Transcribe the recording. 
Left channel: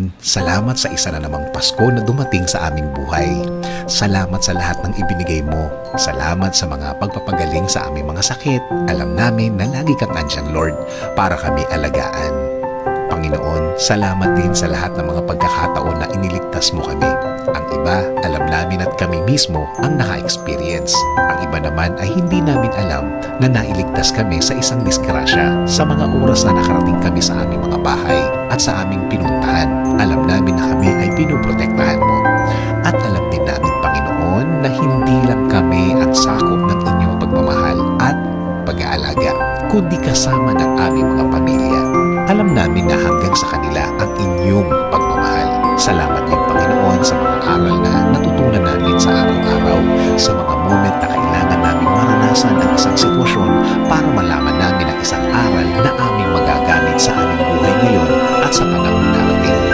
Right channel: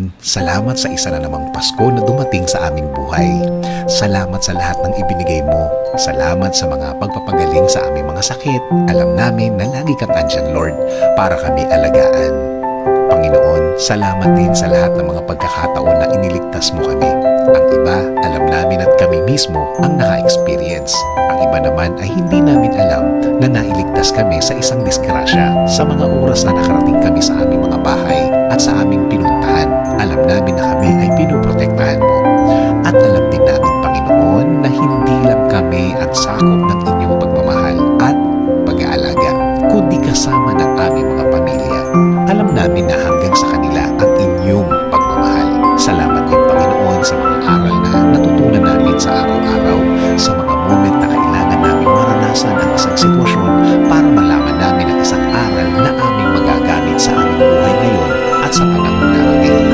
Panginoon, salamat sa isa na namang Pasko na dumating sa aming buhay. Salamat sa lahat ng ibinigay mo. Salamat sa mga pagpapagaling sa aming mga sakit. Alam namin na lagi kang andyan, Lord, para kami alagaan. Panginoon, salamat din sa lahat ng mga pagkakataon na iniligtas mo kami. Ang iba, alam namin at kami mismo ang naka-experience. Ang iba naman ay hindi namin alam na nailigtas kami sa isang disgrasya sa mga oras na nakarating kami sa aming mga bahay at sa aming pinuntahan. Alam namin na kami ay pinoprotektahan mo. At alam din namin, Panginoon, na hindi lang kami ang sakop ng inyong pagmamahal at pag-aalaga, kundi kasama ng aming mga pamilya. Alam namin na hanggang sa kanila ang inyong pagmamahal. Salamat din, Panginoon, sa mga aral na natutunan namin sa araw-araw, sa mga moment na kailangan namin maranasan ang isang sitwasyon para malaman namin ang isang aral na aming magagamit sa aming buhay ngayon at sa panahon darating.